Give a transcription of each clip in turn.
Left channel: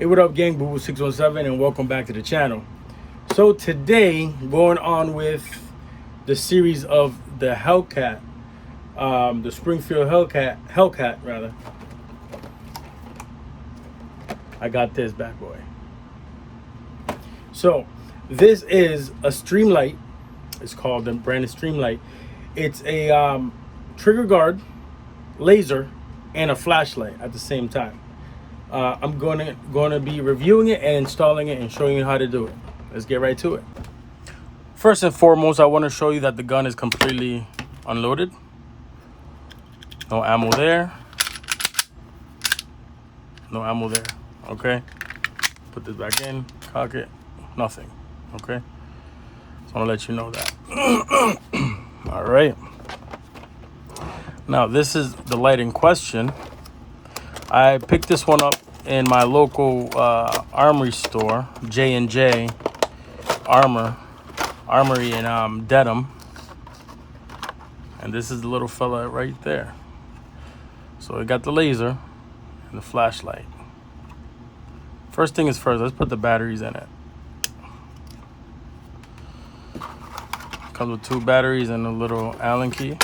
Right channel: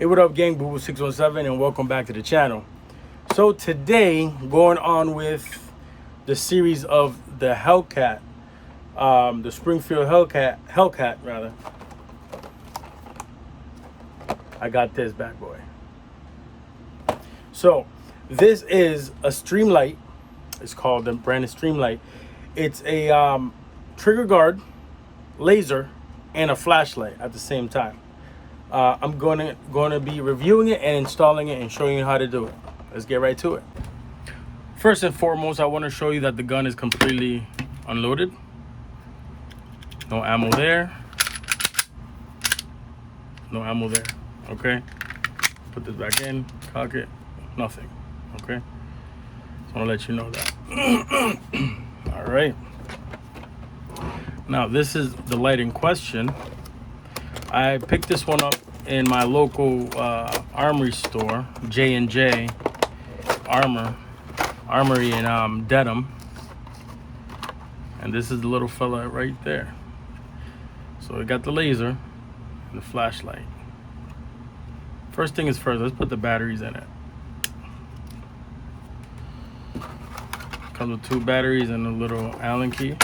Hey, what up, gang? Boo 617, and welcome back to the channel. So today, going on with the series of the Hellcat, the Springfield Hellcat rather. I got this bad boy. So this is a StreamLight. It's called the brand is StreamLight. It's a trigger guard, laser, and a flashlight at the same time. I'm going to be reviewing it and installing it and showing you how to do it. Let's get right to it. First and foremost, I want to show you that the gun is completely unloaded. No ammo there. No ammo there. Okay. Put this back in. Cock it. Nothing. Okay. So I want to let you know that. All right. Now this is the light in question. I picked this one up in my local armory store, J&J Armory in Dedham. And this is the little fella right there. So I got the laser and the flashlight. First thing is first, let's put the batteries in it. Comes with 2 batteries and a little Allen key.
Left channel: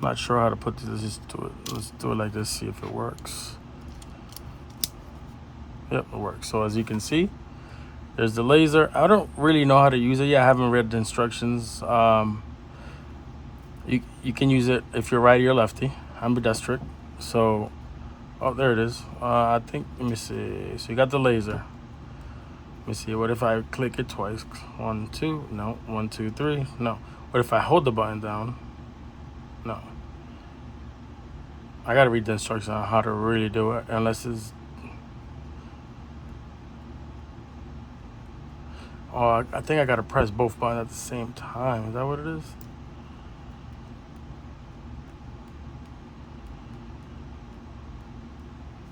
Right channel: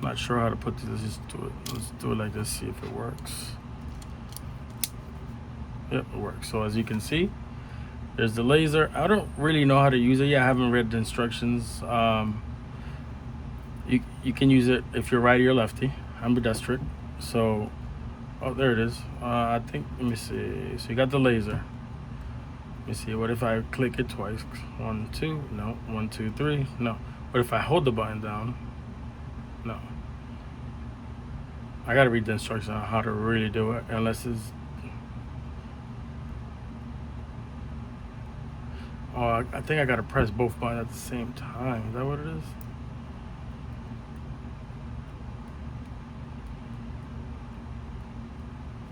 Not sure how to put this. Just do it. Let's do it like this. See if it works. Yep, it works. So as you can see, there's the laser. I don't really know how to use it yet. I haven't read the instructions. You can use it if you're righty or lefty. I'm ambidextric. So, oh, there it is. I think. Let me see. So you got the laser. Let me see. What if I click it twice? 1, 2. No. 1, 2, 3. No. What if I hold the button down? No. I gotta read the instructions on how to really do it, unless it's... Oh, I think I gotta press both buttons at the same time. Is that what it is?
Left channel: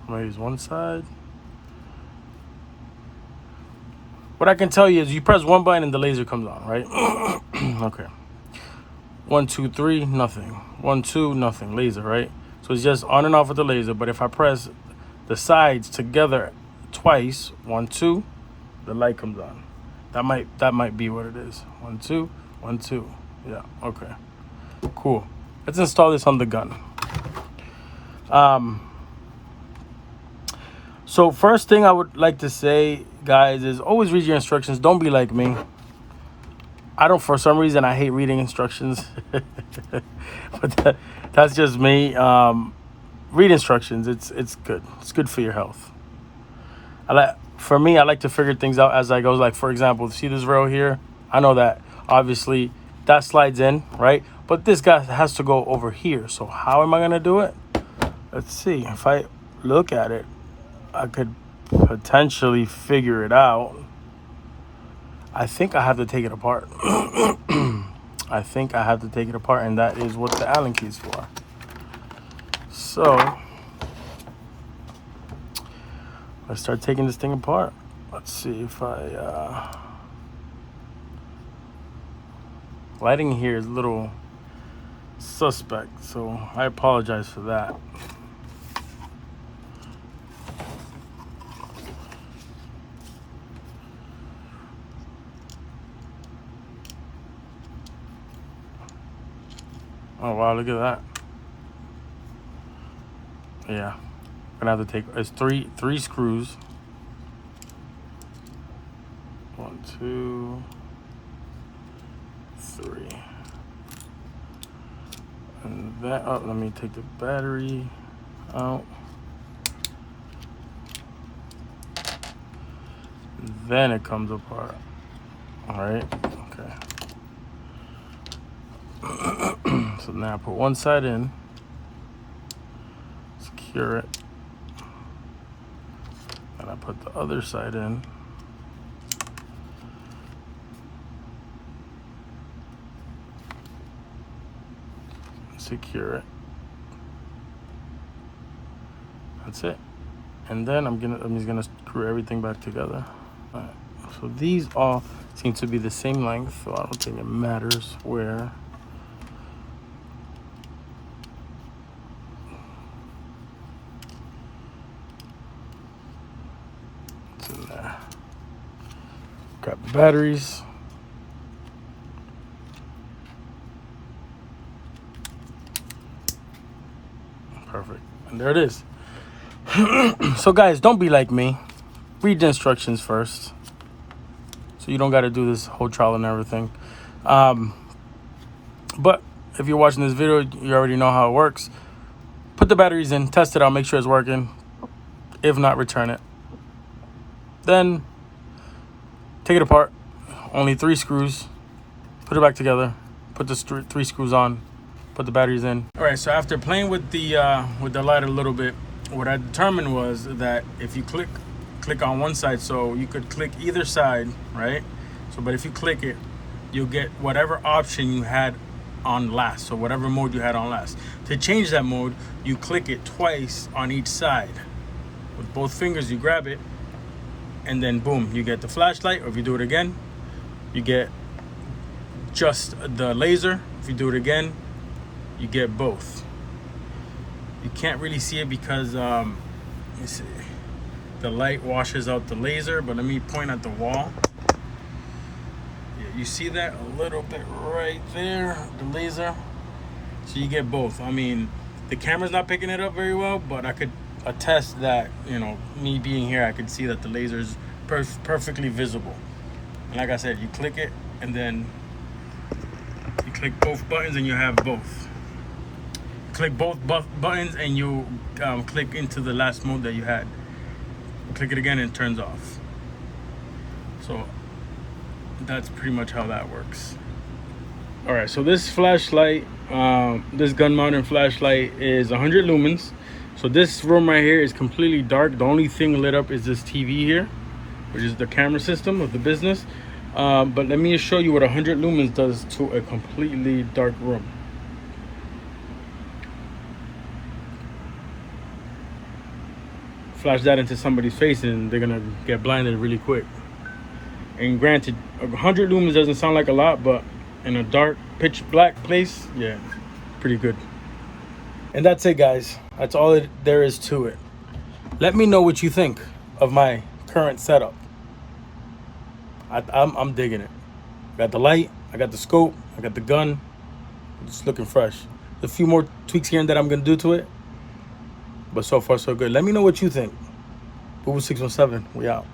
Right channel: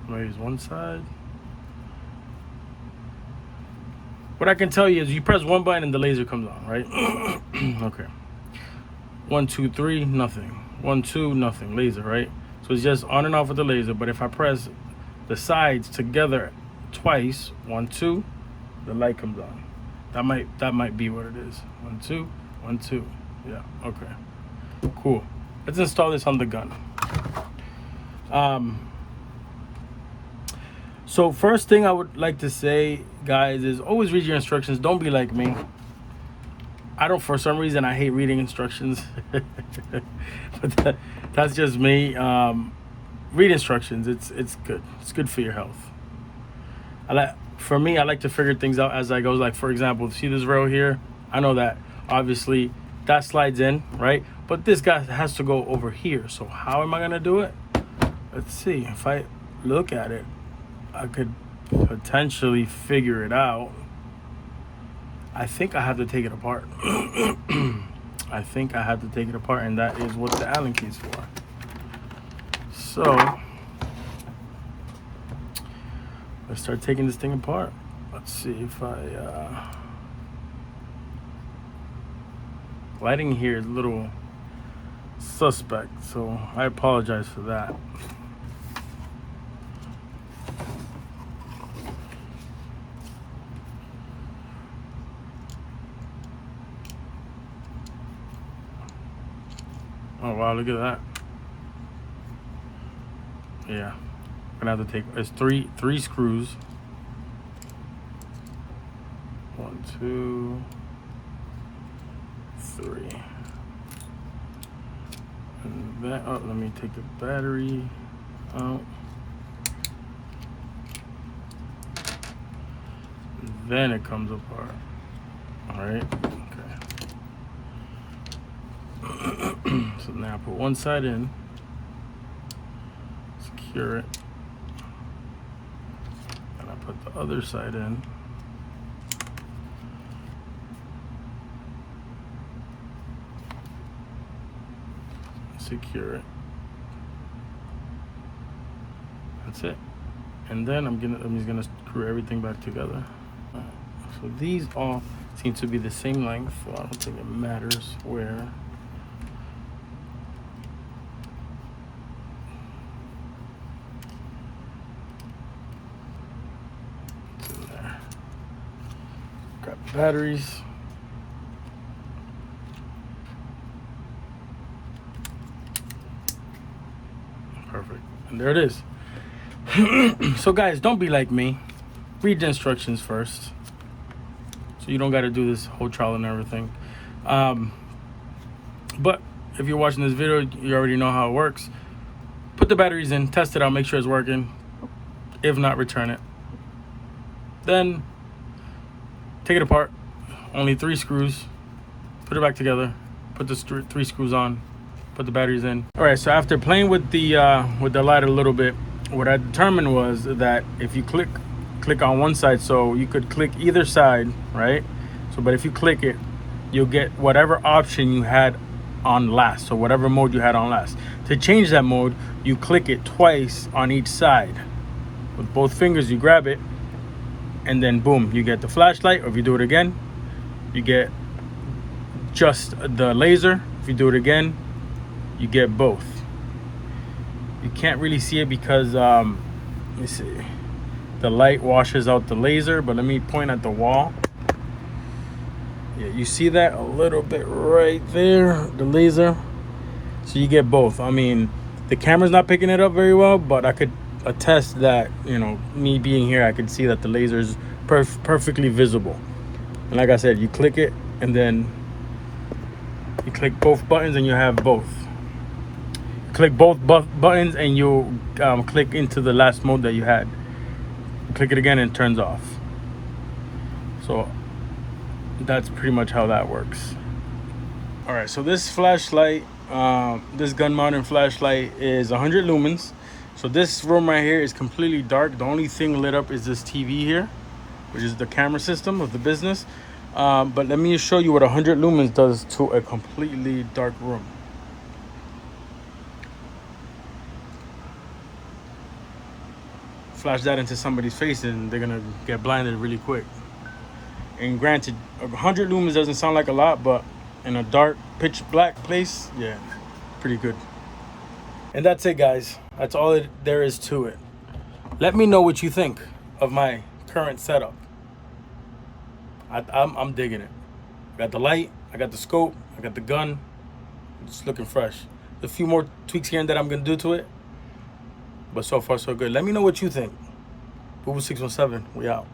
I'm gonna use one side. What I can tell you is you press one button and the laser comes on, right? Okay. 1, 2, 3, nothing. 1, 2, nothing. Laser, right? So it's just on and off with the laser. But if I press the sides together twice, 1, 2, the light comes on. That might be what it is. 1, 2, 1, 2. Yeah. Okay. Cool. Let's install this on the gun. So first thing I would like to say, guys, is always read your instructions. Don't be like me. For some reason, I hate reading instructions. But that's just me. Read instructions. It's good. It's good for your health. For me, I like to figure things out as I go. Like, for example, see this rail here? I know that obviously that slides in, right? But this guy has to go over here. So how am I gonna do it? Let's see. If I look at it, I could potentially figure it out. I think I have to take it apart. I think I have to take it apart, and that is what the Allen key is for. So let's start taking this thing apart. Let's see if lighting here is a little suspect, so I apologize for that. Oh wow, look at that. Yeah, I'm gonna have to take, it's three screws. 1, 2, 3. And that, oh, let me take the battery out. Then it comes apart. All right, okay. So now I put one side in, secure it, and I put the other side in. Secure it. That's it. And then I'm just gonna screw everything back together. All right. So these all seem to be the same length, so I don't think it matters where. batteries. Perfect. And there it is. So guys, don't be like me. Read the instructions first, so you don't got to do this whole trial and everything. But if you're watching this video, you already know how it works. Put the batteries in, test it out, make sure it's working. If not, return it. Then take it apart. Only 3 screws. Put it back together. Put the 3 screws on. Put the batteries in. All right, so after playing with the light a little bit, what I determined was that if you click on one side, so you could click either side, right? So, but if you click it, you'll get whatever option you had on last. So whatever mode you had on last. To change that mode, you click it twice on each side. With both fingers, you grab it, and then boom, you get the flashlight. Or if you do it again, you get just the laser. If you do it again, you get both. You can't really see it because let me see, the light washes out the laser, but let me point at the wall. Yeah, you see that a little bit right there, the laser. So you get both. I mean, the camera's not picking it up very well, but I could attest that, you know, me being here, I could see that the laser is perfectly visible. And like I said, you click it and then you click both buttons and you have both. Click both buttons and you'll click into the last mode that you had. Click it again and it turns off. So that's pretty much how that works. All right, so this flashlight, this gun mounted flashlight is 100 lumens. So this room right here is completely dark. The only thing lit up is this TV here, which is the camera system of the business. But let me just show you what 100 lumens does to a completely dark room. Flash that into somebody's face and they're gonna get blinded really quick. And granted, 100 lumens doesn't sound like a lot, but in a dark, pitch black place, yeah, pretty good. And that's it, guys. That's all there is to it. Let me know what you think of my current setup. I'm digging it. I got the light, I got the scope, I got the gun. It's looking fresh. There's a few more tweaks here that I'm gonna do to it, but so far so good. Let me know what you think. Boo 617, we out.